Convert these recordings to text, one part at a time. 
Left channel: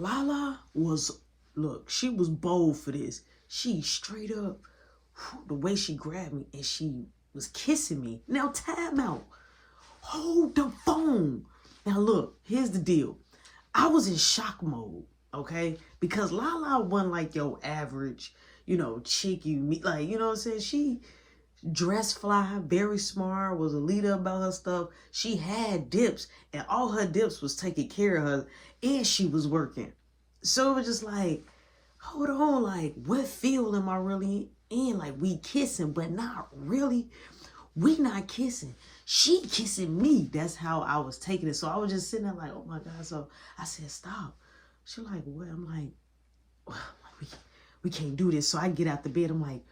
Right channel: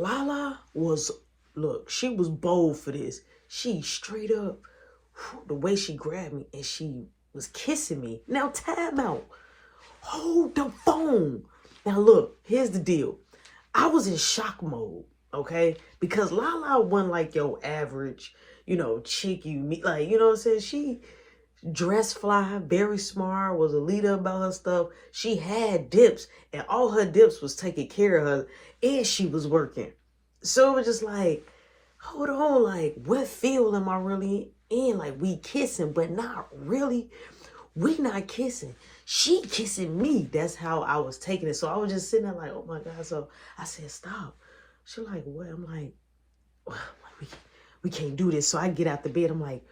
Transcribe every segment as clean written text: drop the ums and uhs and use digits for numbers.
Lala was, look, she was bold for this. She straight up, the way she grabbed me and she was kissing me. Now, time out. Hold the phone. Now, look, here's the deal. I was in shock mode, okay? Because Lala wasn't like your average, chick you meet. Like, you know what I'm saying? She dressed fly, very smart, was a leader about her stuff. She had dips, and all her dips was taking care of her, and she was working. So it was just like, hold on, like, what field am I really in? Like, we kissing, but not really. We not kissing. She kissing me. That's how I was taking it. So I was just sitting there like, oh my God. So I said, stop. She like, what? I'm like, well, we can't do this. So I get out the bed. I'm like,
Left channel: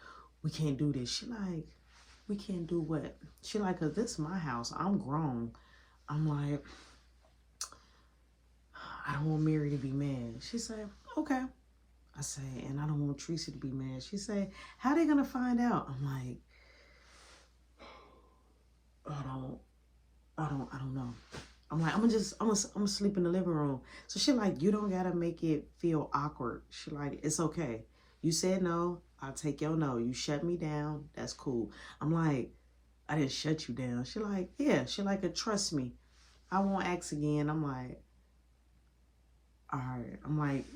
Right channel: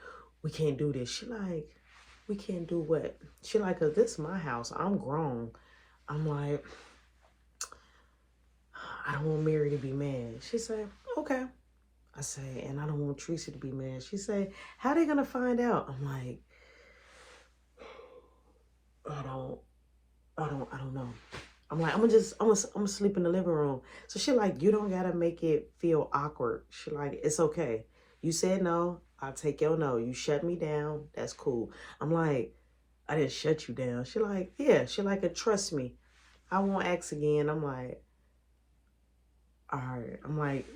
we can't do this. She like, we can't do what? She like, cause this is my house. I'm grown. I'm like, I don't want Mary to be mad. She said, okay. I say, and I don't want Tracy to be mad. She say, how they gonna find out? I'm like, I don't know. I'm like, I'm gonna sleep in the living room. So she like, you don't gotta make it feel awkward. She like, it's okay. You said no, I'll take your no. You shut me down, that's cool. I'm like, I didn't shut you down. She like, yeah. She like, trust me, I won't ask again. I'm like, all right. I'm like,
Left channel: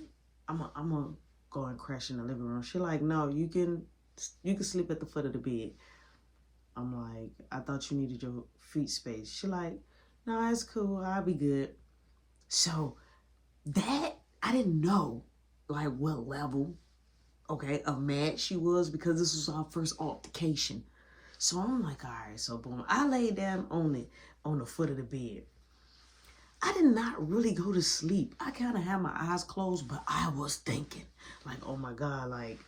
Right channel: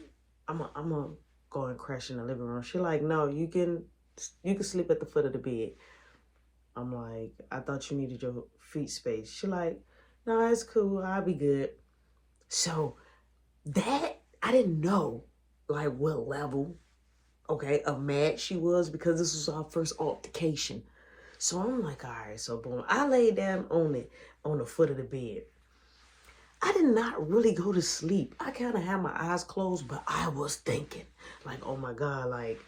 I'm gonna go and crash in the living room. She like, no, you can sleep at the foot of the bed. I'm like, I thought you needed your feet space. She like, no, it's cool. I'll be good. So that, I didn't know like what level, okay, of mad she was because this was our first altercation. So I'm like, all right, so boom. I laid down on it, on the foot of the bed. I did not really go to sleep. I kind of had my eyes closed, but I was thinking like, oh my God, like,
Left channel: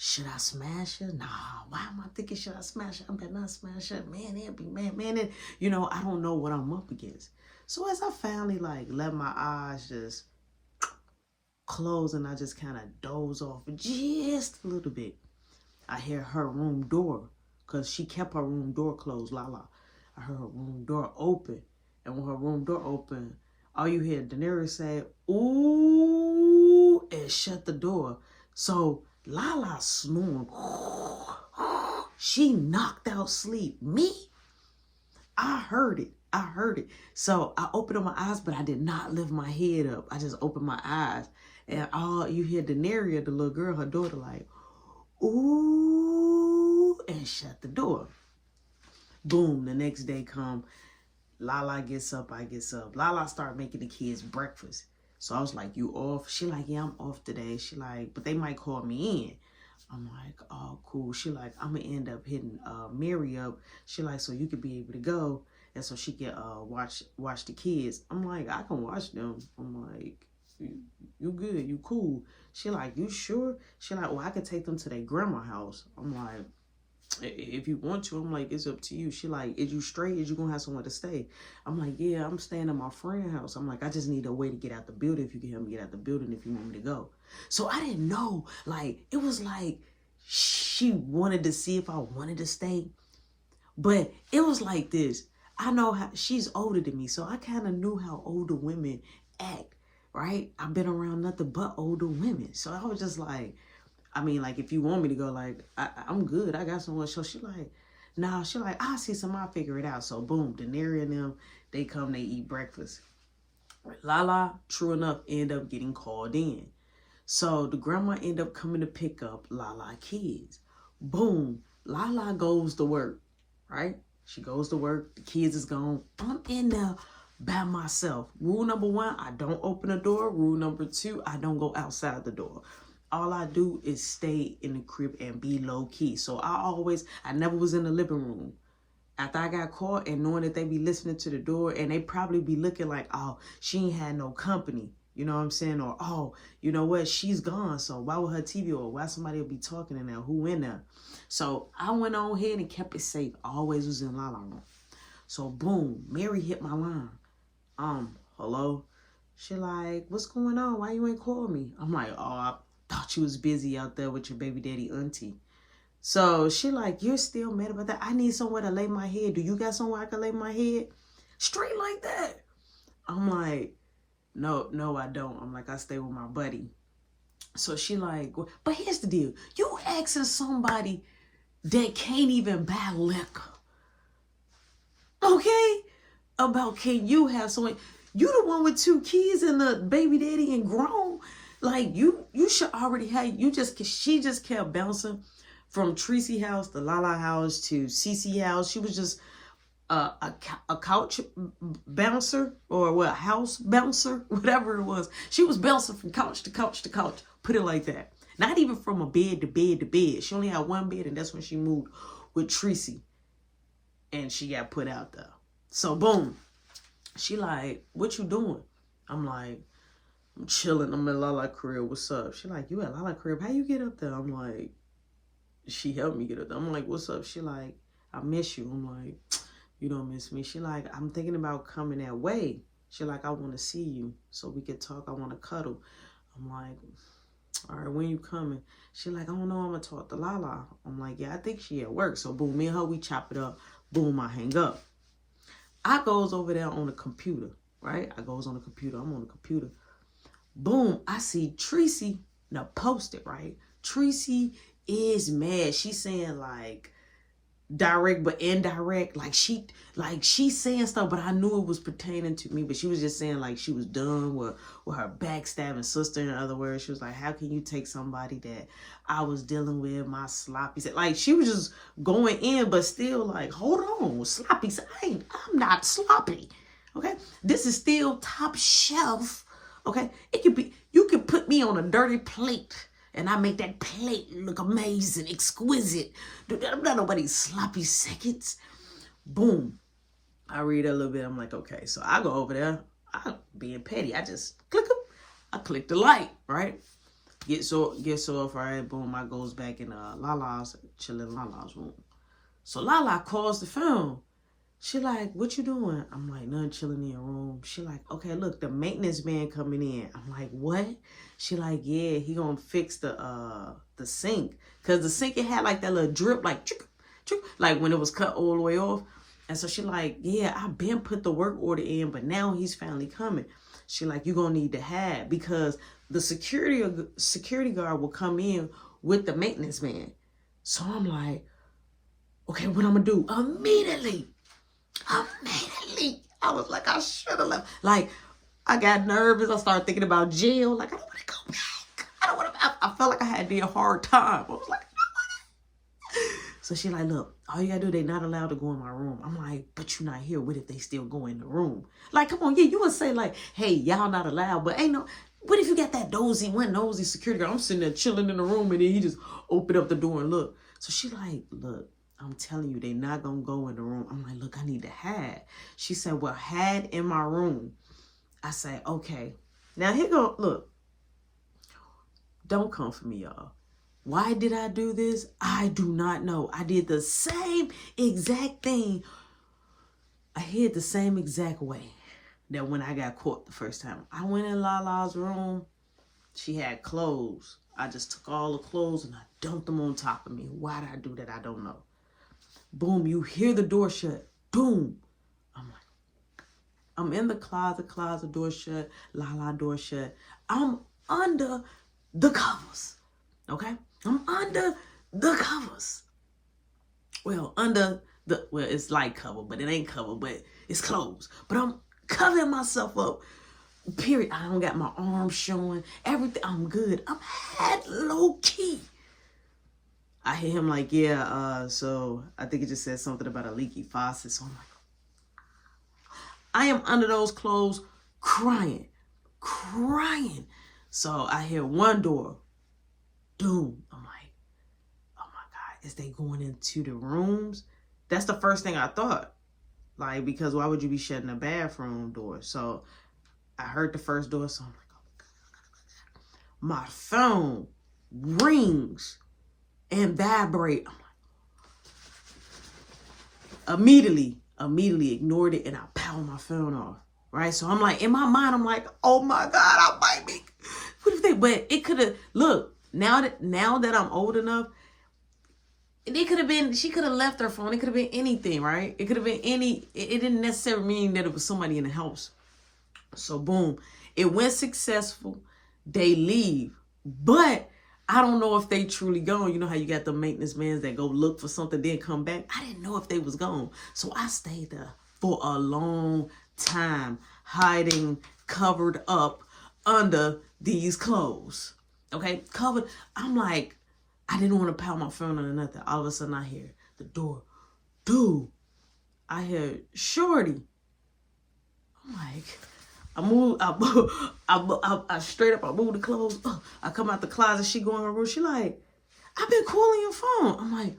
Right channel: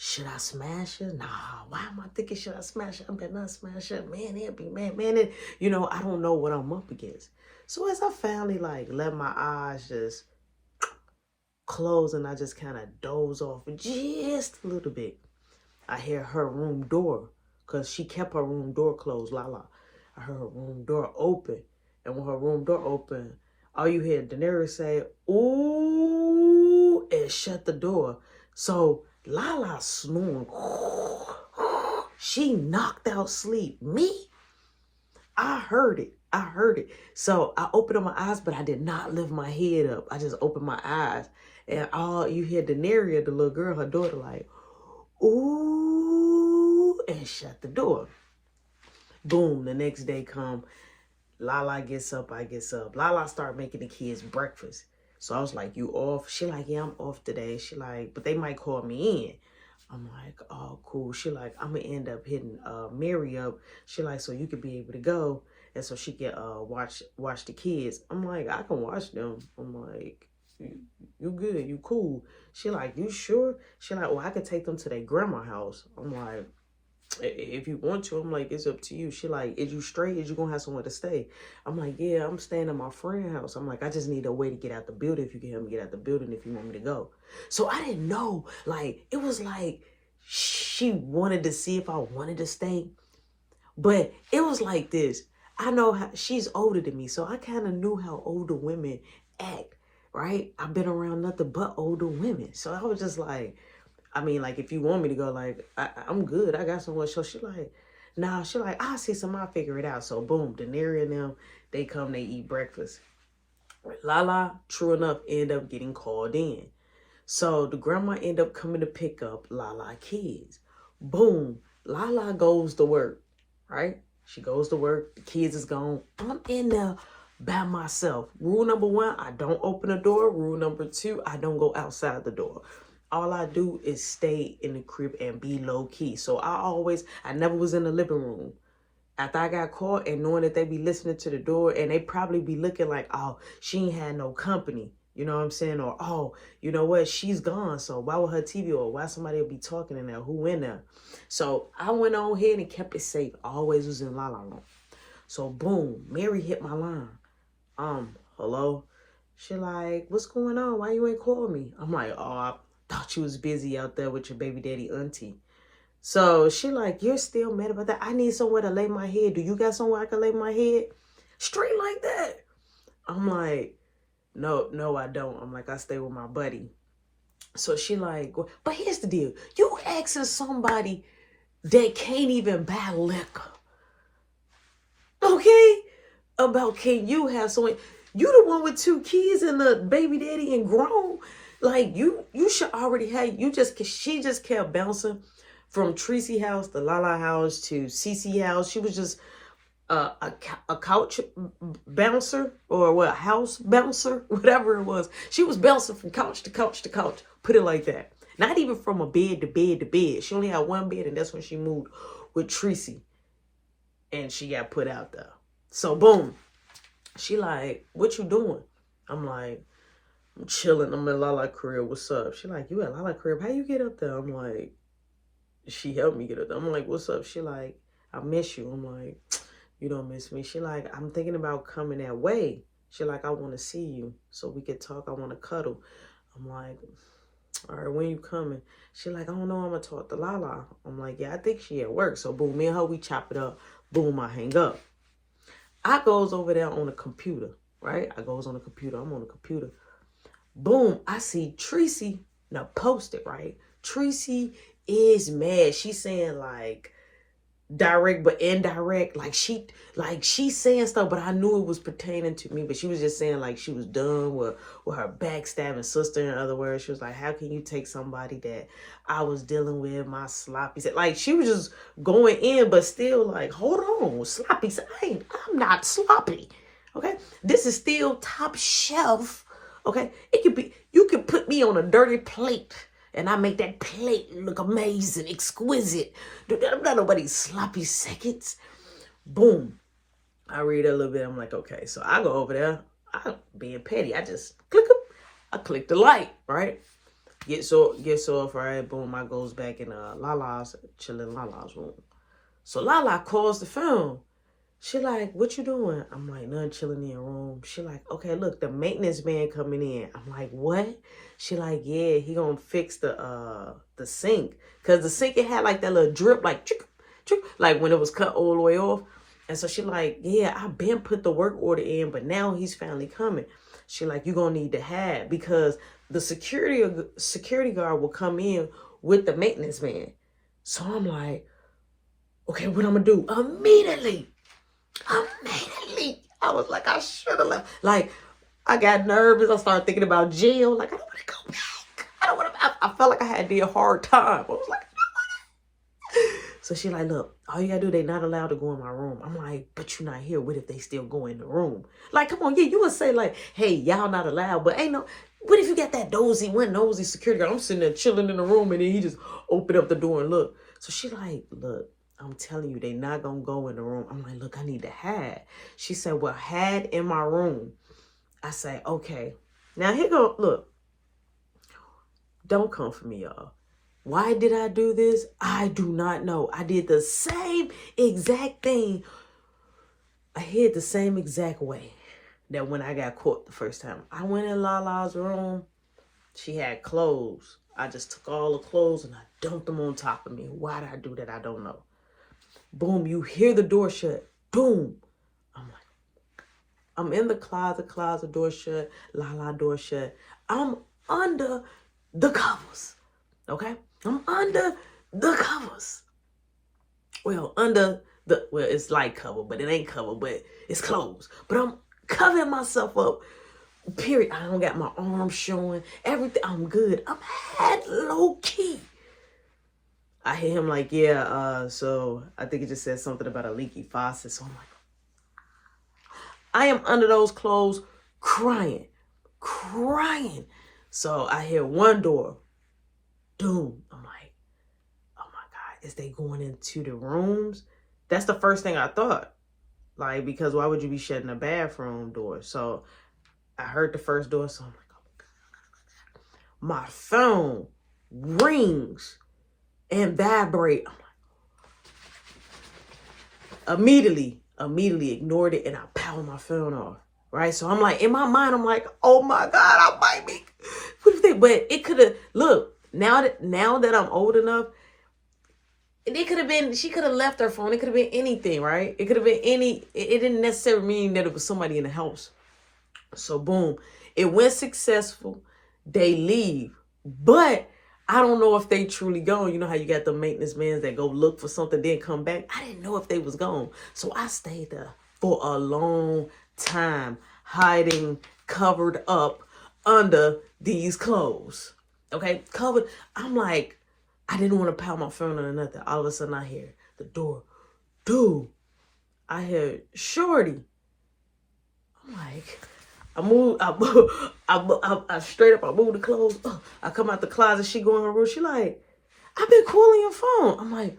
should I smash her? Nah, why am I thinking should I smash her? I better not smash her. Man, it'd be man. And, I don't know what I'm up against. So as I finally like let my eyes just close and I just kind of doze off just a little bit, I hear her room door because she kept her room door closed, Lala. I heard her room door open. And when her room door opened, all you hear Daenerys say, ooh, and shut the door. So Lala snoring. She knocked out sleep. Me? I heard it. I heard it. So I opened up my eyes, but I did not lift my head up. I just opened my eyes. And all you hear Daenerys, the little girl, her daughter, like, ooh, and shut the door. Boom, the next day come. Lala gets up, I gets up. Lala start making the kids breakfast. So I was like, you off? She like, yeah, I'm off today. She like, but they might call me in. I'm like, oh, cool. She like, I'm going to end up hitting Mary up. She like, so you could be able to go. And so she can watch the kids. I'm like, I can watch them. I'm like, you good. You cool. She like, you sure? She like, well, I could take them to their grandma house. I'm like, if you want to. I'm like, it's up to you. She like, is you straight? Is you gonna have somewhere to stay? I'm like, yeah, I'm staying at my friend's house. I'm like, I just need a way to get out the building. If you can help me get out the building, if you want me to go. So I didn't know, like, it was like she wanted to see if I wanted to stay, but it was like this. I know how she's older than me, so I kind of knew how older women act, right? I've been around nothing but older women, so I was just like, I mean, like, if you want me to go, like, I'm good. I got somewhere. So she like, nah, she like, I'll see some, I'll figure it out. So boom, Daenerys and them, they come, they eat breakfast. Lala, true enough, end up getting called in. So the grandma end up coming to pick up Lala kids. Boom, Lala goes to work, right? She goes to work, the kids is gone. I'm in there by myself. Rule number 1, I don't open the door. Rule number 2, I don't go outside the door. All I do is stay in the crib and be low key. So I never was in the living room. After I got caught and knowing that they be listening to the door and they probably be looking like, oh, she ain't had no company. You know what I'm saying? Or, oh, you know what? She's gone. So why would her TV or why somebody will be talking in there? Who in there? So I went on ahead and kept it safe. Always was in Lala room. So boom, Mary hit my line. Hello? She like, what's going on? Why you ain't call me? I'm like, oh, I thought you was busy out there with your baby daddy auntie. So she like, you're still mad about that? I need somewhere to lay my head. Do you got somewhere I can lay my head? Straight like that. I'm like, no, I don't. I'm like, I stay with my buddy. So she like, but here's the deal. You asking somebody that can't even buy liquor, okay? About can you have someone, you the one with 2 kids and the baby daddy and grown. Like you should already have, she just kept bouncing from Tracy house to Lala house to CC house. She was just a couch bouncer or what, house bouncer, whatever it was. She was bouncing from couch to couch to couch, put it like that. Not even from a bed to bed to bed. She only had one bed, and that's when she moved with Tracy, and she got put out there. So boom, she like, what you doing? I'm like, I'm chilling. I'm in Lala crib. What's up? She like, you at Lala crib? How you get up there? I'm like, she helped me get up there. I'm like, what's up? She like, I miss you. I'm like, you don't miss me. She like, I'm thinking about coming that way. She like, I want to see you so we could talk. I want to cuddle. I'm like, all right, when you coming? She like, I don't know. I'm going to talk to Lala. I'm like, yeah, I think she at work. So boom, me and her, we chop it up. Boom, I hang up. I goes over there on the computer, right? I goes on the computer. I'm on the computer. Boom, I see Tracy. Now post it, right? Tracy is mad. She's saying like, direct but indirect, like she's saying stuff, but I knew it was pertaining to me. But she was just saying like she was done with her backstabbing sister. In other words, she was like, how can you take somebody that I was dealing with, my sloppy set? Like she was just going in, but still like, hold on, sloppy. I'm not sloppy. Okay, this is still top shelf. Okay, it could be, you could put me on a dirty plate and I make that plate look amazing, exquisite. I'm not nobody's sloppy seconds. Boom. I read a little bit. I'm like, okay. So I go over there. I'm being petty. I just click up. I click the light, right? Gets off, right? Boom. I goes back in Lala's, chilling Lala's room. So Lala calls the phone. She like, what you doing? I'm like, nothing, chilling in your room. She like, okay, look, the maintenance man coming in. I'm like, what? She like, yeah, he gonna fix the sink. Cause the sink, it had like that little drip, like, chick, chick, like when it was cut all the way off. And so she like, yeah, I been put the work order in, but now he's finally coming. She like, you gonna need to have, because the security guard will come in with the maintenance man. So I'm like, okay, what I'm gonna do? Immediately, I was like, I should have left. Like, I got nervous. I started thinking about jail. Like, I don't want to go back. I don't want to. I felt like I had a hard time. I was like, no. So she like, look, all you gotta do, they not allowed to go in my room. I'm like, but you're not here. What if they still go in the room? Like, come on, yeah, you would say like, hey, y'all not allowed, but ain't no. What if you got that nosy security guard? I'm sitting there chilling in the room, and then he just opened up the door and look. So she like, look, I'm telling you, they not gonna go in the room. I'm like, look, I need to hide. She said, well, hide in my room. I say, okay. Now here go, look. Don't come for me, y'all. Why did I do this? I do not know. I did the same exact thing. I hid the same exact way that when I got caught the first time. I went in Lala's room. She had clothes. I just took all the clothes and I dumped them on top of me. Why did I do that? I don't know. Boom, you hear the door shut. Boom. I'm like, I'm in the closet, door shut, Lala door shut. I'm under the covers. Okay? I'm under the covers. Well, it's like cover, but it ain't cover, but it's closed. But I'm covering myself up. Period. I don't got my arms showing. Everything. I'm good. I'm head low key. I hear him like, yeah, so I think it just said something about a leaky faucet. So I'm like, I am under those clothes crying. So I hear one door. Doom. I'm like, oh my God, is they going into the rooms? That's the first thing I thought. Like, because why would you be shutting the bathroom door? So I heard the first door. So I'm like, oh my God. My phone rings and vibrate. I'm like, immediately ignored it, and I powered my phone off. Right? So I'm like, in my mind, I'm like, oh my God, I might be. What if they? But it could have. Look, now that I'm old enough, it could have been. She could have left her phone. It could have been anything, right? It could have been any. It didn't necessarily mean that it was somebody in the house. So boom, It went successful. They leave. But I don't know if they truly gone. You know how you got the maintenance men that go look for something, then come back? I didn't know if they was gone. So I stayed there for a long time, hiding, covered up under these clothes. Okay, covered. I'm like, I didn't want to pound my phone or nothing. All of a sudden I hear the door. Dude, I hear Shorty. I'm like, I straight up, I move the clothes. I come out the closet. She go in her room. She like, I've been calling your phone. I'm like,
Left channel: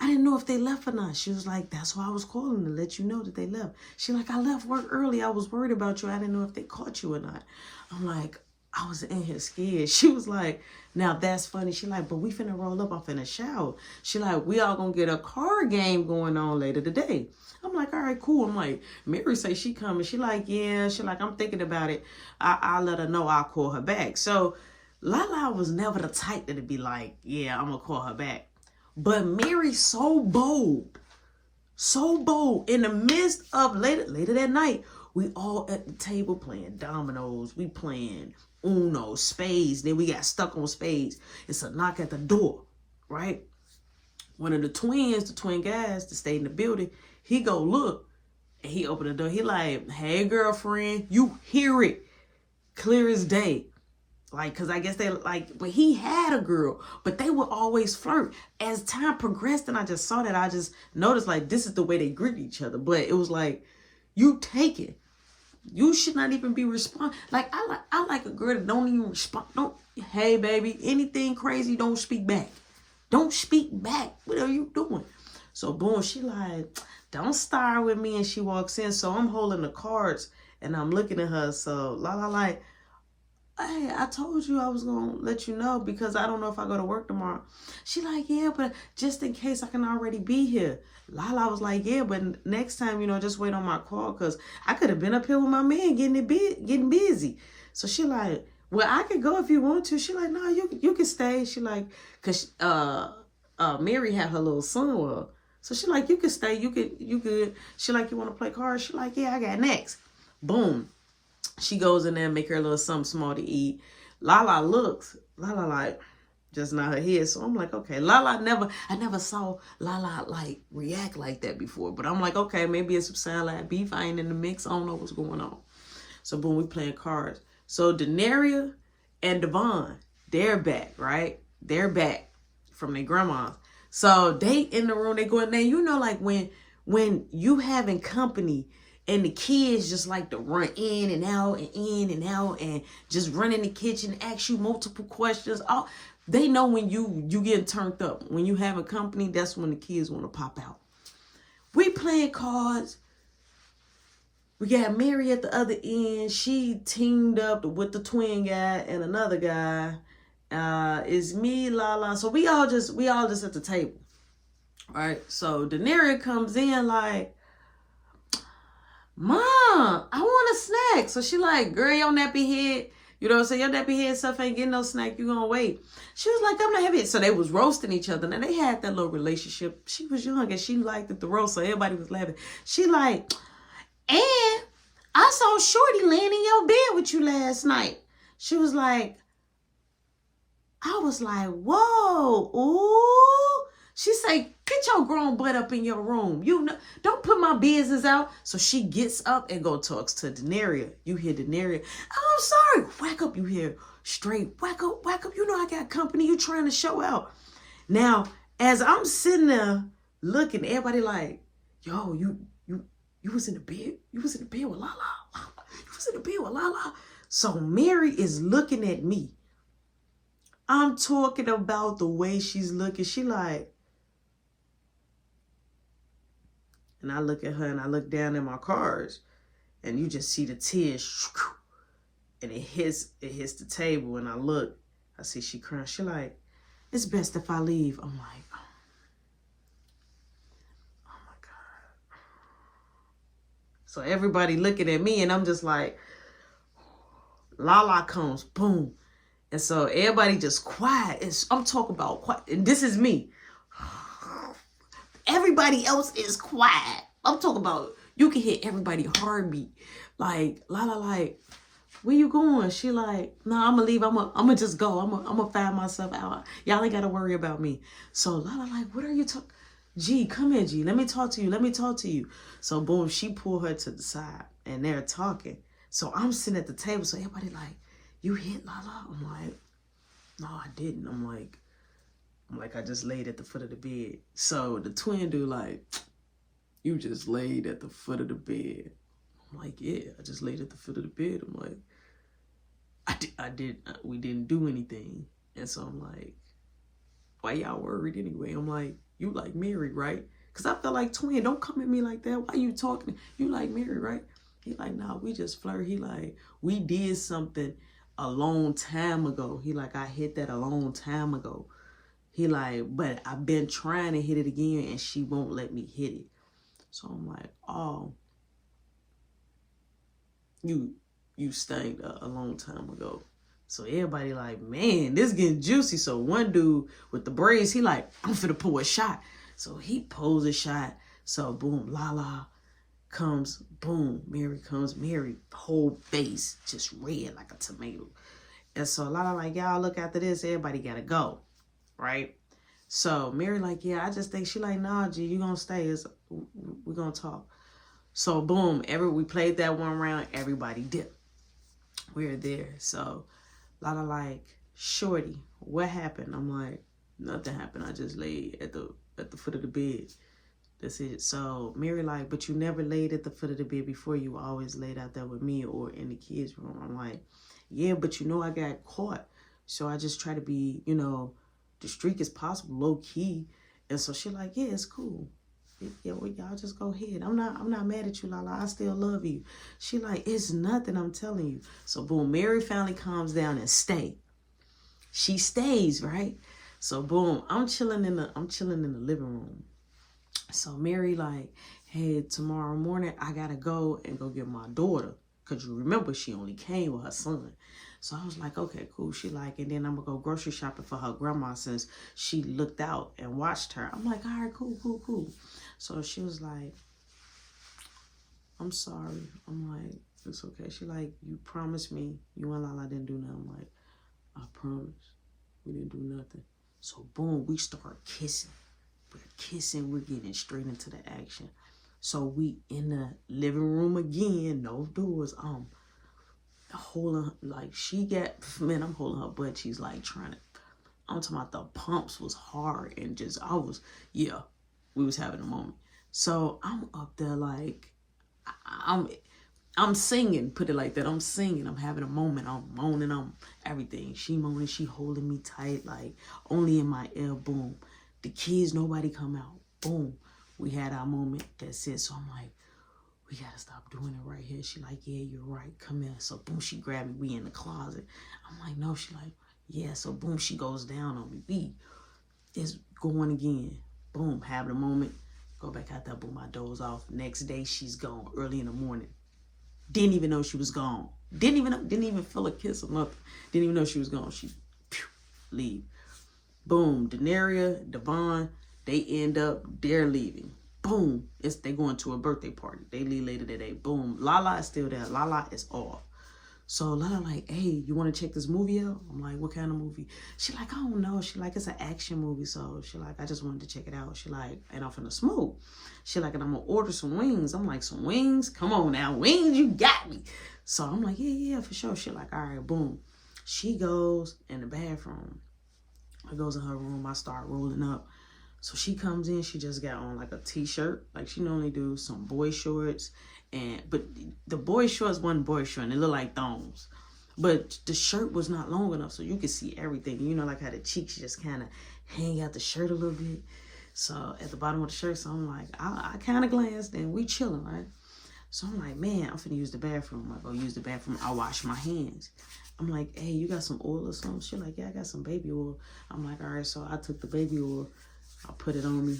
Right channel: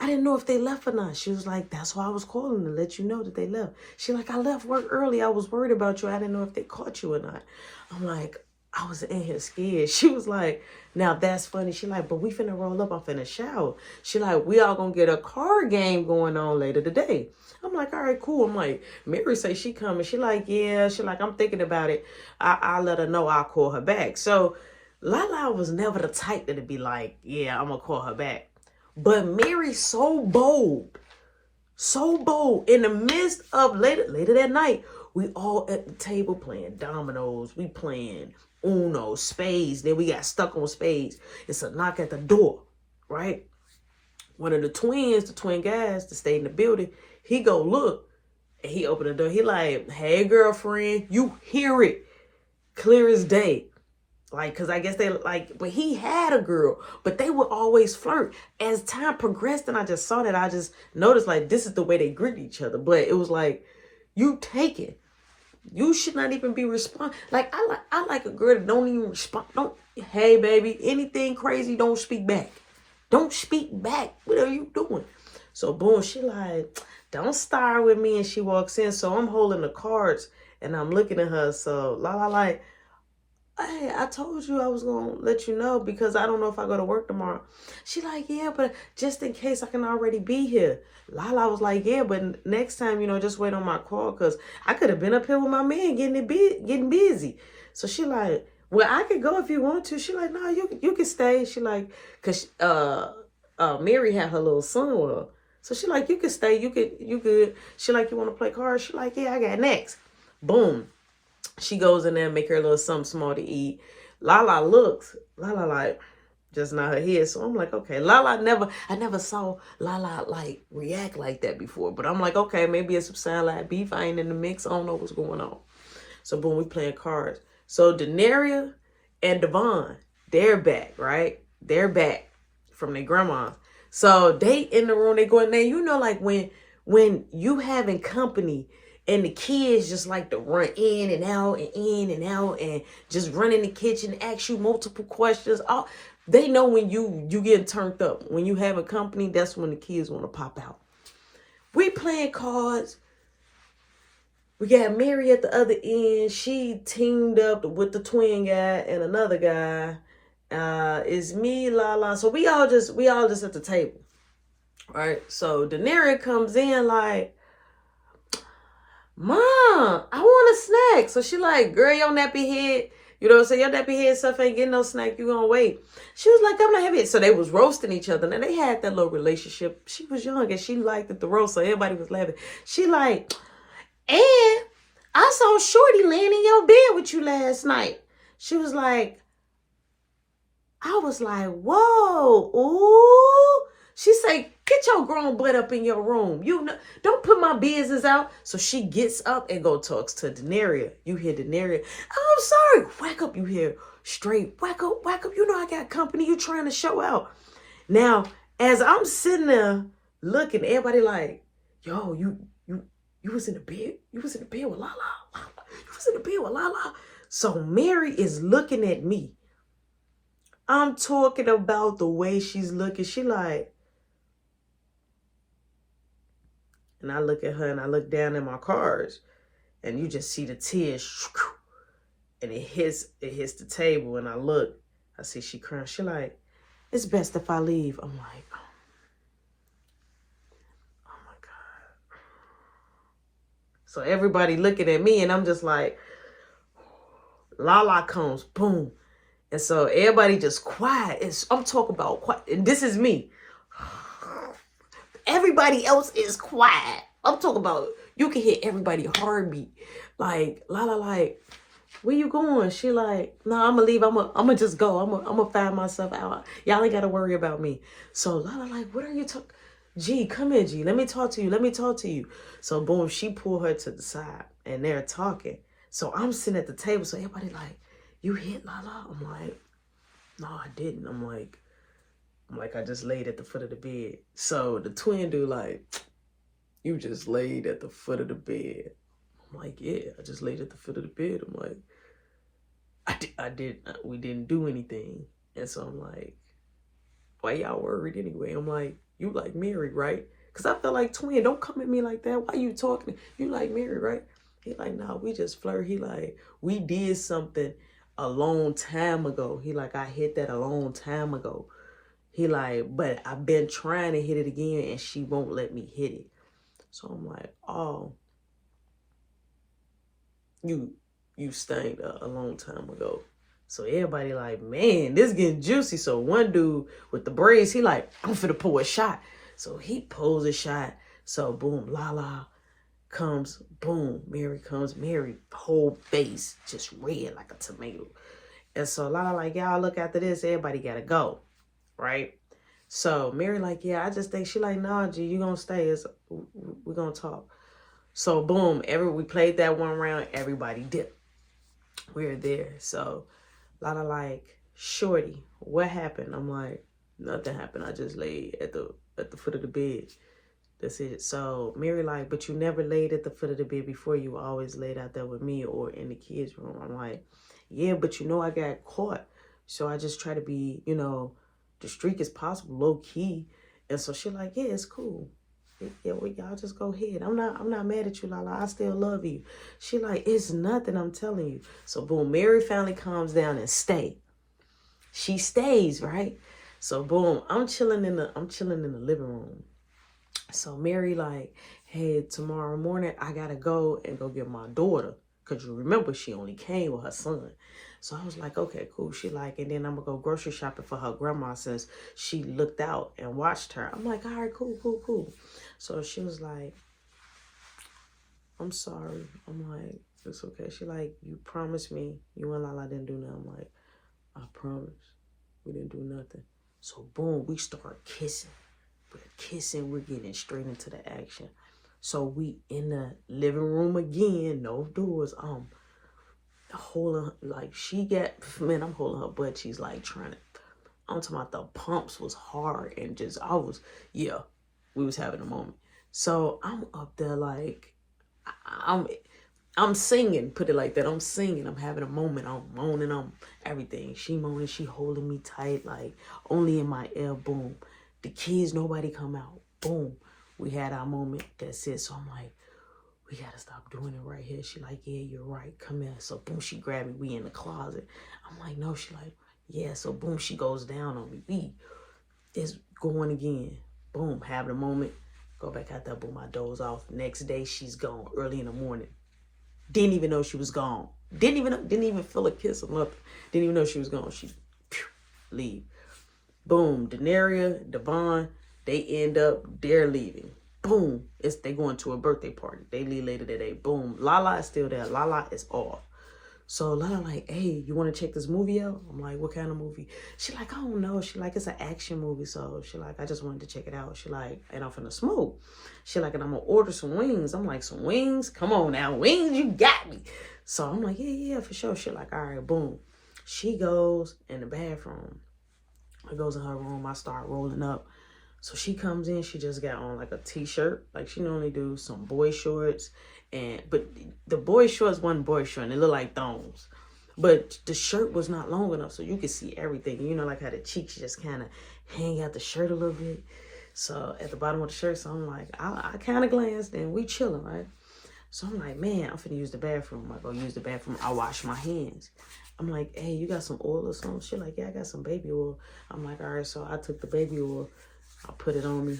I didn't know if they left or not. She was like, that's why I was calling to let you know that they left. She like, I left work early. I was worried about you. I didn't know if they caught you or not. I'm like, I was in here scared. She was like, now that's funny. She like, but we finna roll up. I'm finna shower. She like, we all gonna get a card game going on later today. I'm like, all right, cool. I'm like, Mary say she coming. She like, yeah. She like, I'm thinking about it. I'll let her know. I'll call her back. So Lala was never the type that'd be like, yeah, I'm gonna call her back. But Mary's so bold. So bold. In the midst of later that night, we all at the table playing dominoes. We playing Uno, spades. Then we got stuck on spades. It's a knock at the door, right? One of the twin guys that stayed in the building, he go look, and he opened the door. He like, hey, girlfriend, you hear it clear as day. Like, because I guess they like, but he had a girl, but they would always flirt. As time progressed and I just saw that, I just noticed like, this is the way they greet each other. But it was like, you take it. You should not even be respond. Like, I like a girl that don't even respond. Don't, hey, baby, anything crazy, don't speak back. Don't speak back. What are you doing? So boom, she like, don't start with me. And she walks in. So I'm holding the cards and I'm looking at her. So Lala like, hey, I told you I was going to let you know because I don't know if I go to work tomorrow. She like, yeah, but just in case I can already be here. Lala was like, yeah, but next time, just wait on my call because I could have been up here with my man getting busy. So she like, well, I could go if you want to. She like, no, you can stay. She like, because Mary had her little son with her. So she like, you can stay. You could. She like, you want to play cards? She like, yeah, I got next. Boom. She goes in there and make her a little something small to eat. Lala looks. Lala like, just not her head. So I'm like, okay. I never saw Lala like react like that before. But I'm like, okay, maybe it's some salad beef. I ain't in the mix. I don't know what's going on. So boom, we playing cards. So Daenerys and Devon, they're back, right? They're back from their grandma. So they in the room, they going there. Like when you having company and the kids just like to run in and out and just run in the kitchen, ask you multiple questions. They know when you getting turned up. When you have a company, that's when the kids want to pop out. We playing cards. We got Mary at the other end. She teamed up with the twin guy and another guy. It's me, Lala. So we all just at the table. Right? So Daenerys comes in like, Mom, I want a snack. So she like, girl, your nappy head, you know what I'm saying? Your nappy head stuff ain't getting no snack. You gonna wait. She was like, I'm not having it. So they was roasting each other. Now they had that little relationship. She was young and she liked it, the roast. So everybody was laughing. She like, and I saw Shorty laying in your bed with you last night. She was like, I was like, whoa, ooh. She say, get your grown butt up in your room. Don't put my business out. So she gets up and go talks to Daenerys. You hear Daenerys, oh, I'm sorry. Whack up, you hear straight. Whack up. You know I got company. You trying to show out. Now, as I'm sitting there looking, everybody like, yo, you was in the bed? You was in the bed with Lala? You was in the bed with Lala? So Mary is looking at me. I'm talking about the way she's looking. She like, and I look at her and I look down at my cards and you just see the tears and it hits the table and I look, I see she crying. She like, it's best if I leave. I'm like, oh my God. So everybody looking at me and I'm just like, Lala comes, boom. And so everybody just quiet. I'm talking about quiet. And this is me. Everybody else is quiet. I'm talking about, you can hear everybody heartbeat. Like, Lala like, where you going? She like, no, I'm gonna leave. I'm gonna just go. I'm gonna find myself out. Y'all ain't gotta worry about me. So Lala like, what are you talking? G, come here, G. Let me talk to you. Let me talk to you. So boom, she pulled her to the side and they're talking. So I'm sitting at the table. So everybody like, you hit Lala? I'm like, no, I didn't. I'm like, I just laid at the foot of the bed. So the twin dude like, you just laid at the foot of the bed. I'm like, yeah, I just laid at the foot of the bed. I'm like, we didn't do anything. And so I'm like, why y'all worried anyway? I'm like, you like Mary, right? Because I felt like, twin, don't come at me like that. Why you talking? You like Mary, right? He like, nah, we just flirt. He like, we did something a long time ago. He like, I hit that a long time ago. He like, but I've been trying to hit it again and she won't let me hit it. So I'm like, oh, you stanked a long time ago. So everybody like, man, this getting juicy. So one dude with the braids, he like, I'm finna pull a shot. So he pulls a shot. So boom, Lala comes, boom, Mary comes. Mary whole face just red like a tomato. And so Lala like, y'all look after this, everybody gotta go, right? So Mary like, yeah, I just think, she like, nah, G, you gonna stay. We're gonna talk. So boom, we played that one round, everybody dipped. We're there. So Lala like, shorty, what happened? I'm like, nothing happened. I just laid at the foot of the bed. That's it. So Mary like, but you never laid at the foot of the bed before. You always laid out there with me or in the kids' room. I'm like, yeah, but you know I got caught. So I just try to be, you know, discreet as possible, low key. And so she like, yeah, it's cool. Yeah, well, y'all just go ahead. I'm not mad at you, Lala. I still love you. She like, it's nothing, I'm telling you. So boom, Mary finally calms down and stay. She stays, right? So boom, I'm chilling in the living room. So Mary like, hey, tomorrow morning I gotta go and go get my daughter. Cause you remember she only came with her son. So I was like, okay, cool. She like, and then I'm gonna go grocery shopping for her grandma since she looked out and watched her. I'm like, all right, cool. So she was like, I'm sorry. I'm like, it's okay. She like, you promised me you and Lala didn't do nothing. I'm like, I promise. We didn't do nothing. So boom, we start kissing. We're kissing. We're getting straight into the action. So we in the living room again, no doors. Holding, like, she got, man, I'm holding her butt. She's like trying to, I'm talking about the pumps was hard and just, yeah, we was having a moment. So I'm up there like, I'm singing, put it like that. I'm singing, I'm having a moment. I'm moaning, I'm everything. She moaning, she holding me tight, like only in my ear, boom. The kids, nobody come out, boom. We had our moment, that's it. So I'm like, we gotta stop doing it right here. She like, yeah, you're right, come here. So boom, she grabbed me, we in the closet. I'm like, no, she like, yeah. So boom, she goes down on me. We is going again. Boom, having a moment, go back out there, boom, I doze off. Next day, she's gone early in the morning. Didn't even know she was gone. Didn't even feel a kiss or nothing. Didn't even know she was gone. She leave. Boom, Denaria, Devon, they end up, they're leaving. Boom, they going to a birthday party. They leave later that day. Boom, Lala is still there. Lala is off. So Lala like, hey, you want to check this movie out? I'm like, what kind of movie? She like, I don't know. She like, it's an action movie. So she like, I just wanted to check it out. She like, and I'm finna smoke. She like, and I'm gonna order some wings. I'm like, some wings? Come on now, wings, you got me. So I'm like, yeah, for sure. She like, all right, boom. She goes in the bathroom. I goes in her room. I start rolling up. So she comes in, she just got on like a t-shirt. Like she normally do some boy shorts. But the boy shorts wasn't boy short, and it looked like thongs. But the shirt was not long enough so you could see everything. You know, like how the cheeks just kind of hang out the shirt a little bit. So at the bottom of the shirt, so I'm like, I kind of glanced and we chilling, right? So I'm like, man, I'm finna use the bathroom. I go use the bathroom. I wash my hands. I'm like, hey, you got some oil or something? She like, yeah, I got some baby oil. I'm like, all right. So I took the baby oil. I put it on me,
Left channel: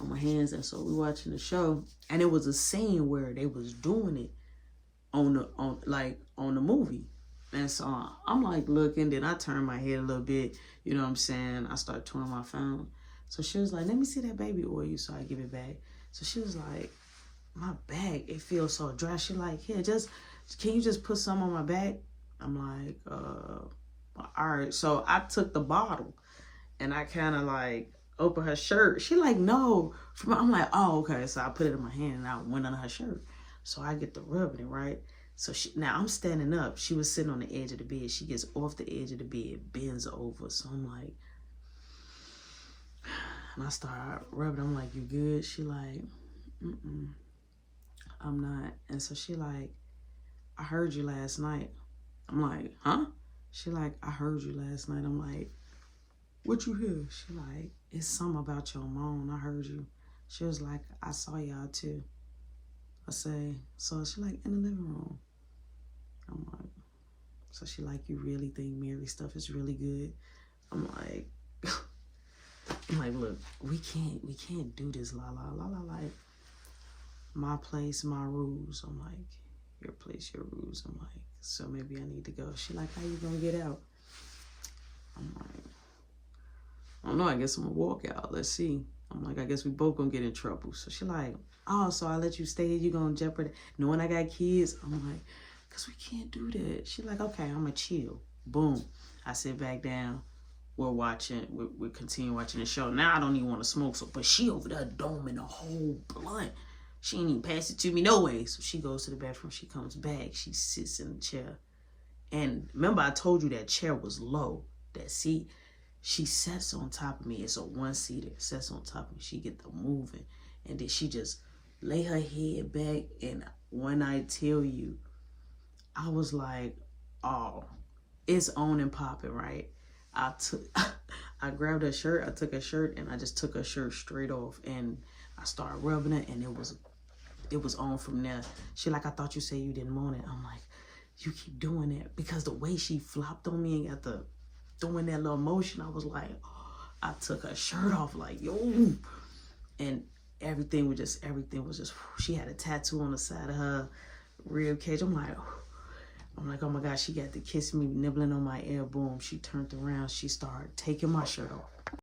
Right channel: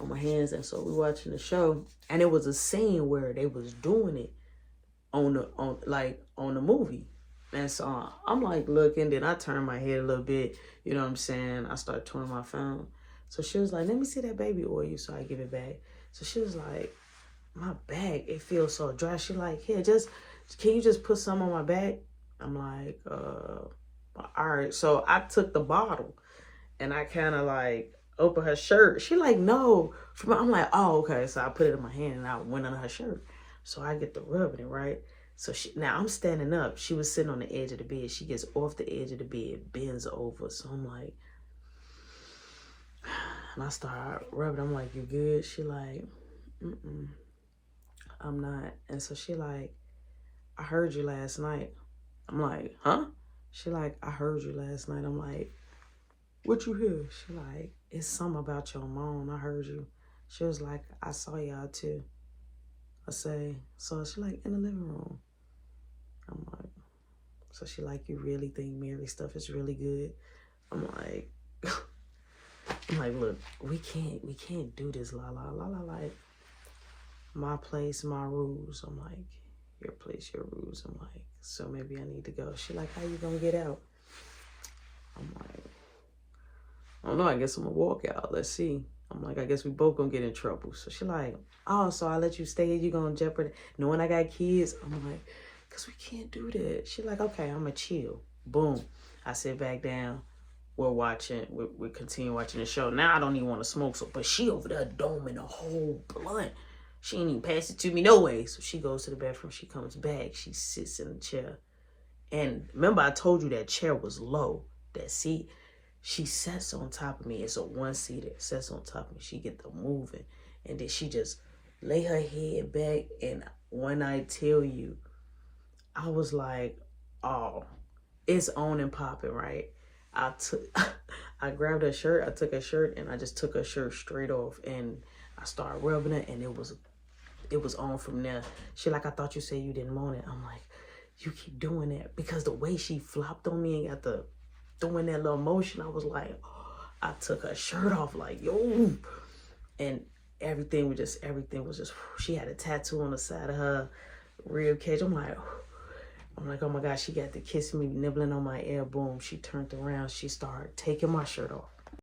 on my hands. And so we watching the show. And it was a scene where they was doing it on the movie. And so I'm like looking, then I turn my head a little bit, you know what I'm saying? I start touring my phone. So she was like, let me see that baby oil. So I give it back. So she was like, my bag, it feels so dry. She like, here, just can you just put some on my back? I'm like, all right. So I took the bottle and I kind of like opened her shirt. She like, no. I'm like, oh, okay. So I put it in my hand and I went under her shirt. So I get the rubbing it, right? So now I'm standing up. She was sitting on the edge of the bed. She gets off the edge of the bed, bends over. So I'm like, and I start rubbing. I'm like, you good? She like, I'm not. And so she like, I heard you last night. I'm like, huh? She like, I heard you last night. I'm like, what you hear? She like, it's something about your mom. I heard you. She was like, I saw y'all too. I say, so she like, in the living room. I'm like, so she like, you really think Mary stuff is really good? I'm like, look, we can't do this, Lala. Lala like, my place, my rules. I'm like, your place, your rules. I'm like, so maybe I need to go. She like, how you gonna get out? I'm like, I don't know, I guess I'm gonna walk out. Let's see. I'm like, I guess we both gonna get in trouble. So she like, oh, so I let you stay, you gonna jeopardize knowing I got kids? I'm like, cause we can't do that. She like, okay, I'm gonna chill. Boom. I sit back down. We're continue watching the show. Now I don't even want to smoke, so but she over there doming a whole blunt. She ain't even pass it to me no way. So she goes to the bathroom, she comes back, she sits in the chair. And remember I told you that chair was low, that seat. She sits on top of me. It's a one-seater. Sits on top of me. She get the moving. And then she just lay her head back. And when I tell you, I was like, oh, it's on and popping, right? I grabbed her shirt. I took her shirt and I just took her shirt straight off. And I started rubbing it and it was on from there. She like, I thought you said you didn't want it. I'm like, you keep doing that. Because the way she flopped on me and got the doing that little motion, I was like, oh, I took her shirt off like, yo. And everything was just, she had a tattoo on the side of her rib cage. I'm like, oh my God, she got to kiss me, nibbling on my ear. Boom, she turned around. She started taking my shirt off.